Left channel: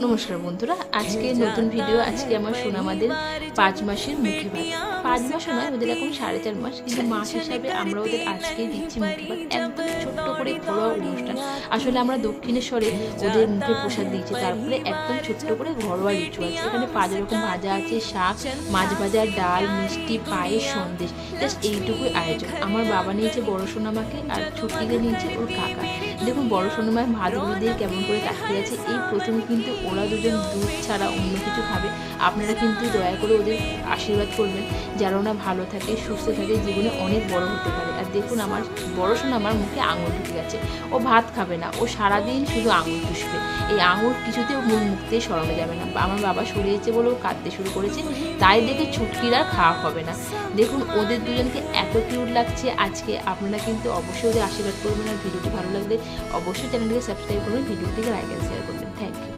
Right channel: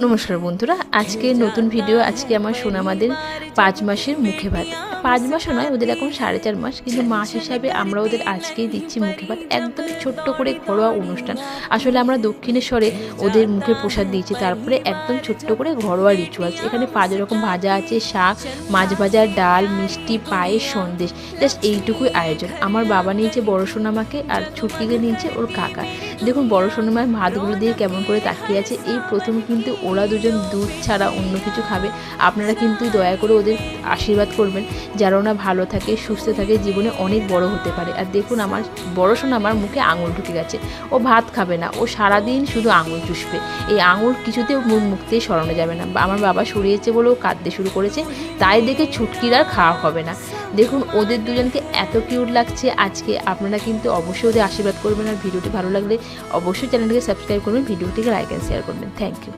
নমস্কার বন্ধুরা, আজকে নতুন ভিডিও। আজকে আমার সোনামাদের 5 মাসের মুখে ভাত। 5 মাসও নয়, ওদের এখন 4.5 মাস, কিন্তু মাস হিসাবে আমরা ওদের আজকেই দিচ্ছি মুখে ভাত। একদম ছোট্ট করে ঘরোয়া অনুষ্ঠান। আসলে আমরা দক্ষিণেশ্বরে ওদের মুখে প্রসাদ দিয়েছি, তারপরে একদম ছোট্ট করে ঘরোয়া রিচুয়ালস। এখানে 5 রকম ভাজা আছে, শাক, মাছ ভাজা, ডাল, মিষ্টি, পায়েস, সন্দেশ, জাস্ট এইটুকুই আয়োজন। আমার বাবা নিয়েছে বড় সোনামাকে, আর ছুটকিকে নিয়েছে ওর কাকা। দেখুন বড় সোনামায় ভাতগুলো দিয়ে কেমন করে তাকিয়ে আছে। এই প্রথমে কিন্তু ওরা দুজন দুধ ছাড়া অন্য কিছু খাবে। আপনারা কিন্তু দয়া করে ওদের আশীর্বাদ করবেন যেন ওরা ভালো থাকে, সুস্থ থাকে, জীবনে অনেক বড় হতে পারে। আর দেখুন আমার বড় সোনা আমার মুখে আঙুল ঢুকে গেছে। ও ভাত খাবে না, ও সারাদিন শুধু আঙুল চুষবে। এই আঙুল কিছুতেও মুখ থেকে সরানো যাবে না। আমার বাবা সরিয়েছে বলে ও কাঁদতে শুরু করেছে, তাই দেখে ছুটকির আর খাওয়া হবে না। দেখুন ওদের দুজনকে এত কিউট লাগছে আজকে। আপনারা কিন্তু অবশ্যই ওদের আশীর্বাদ করবেন। আর ভিডিওটি ভালো লাগলে অবশ্যই চ্যানেলটিকে সাবস্ক্রাইব করবেন, ভিডিওটিকে লাইক অ্যান্ড শেয়ার করবেন। Thank you.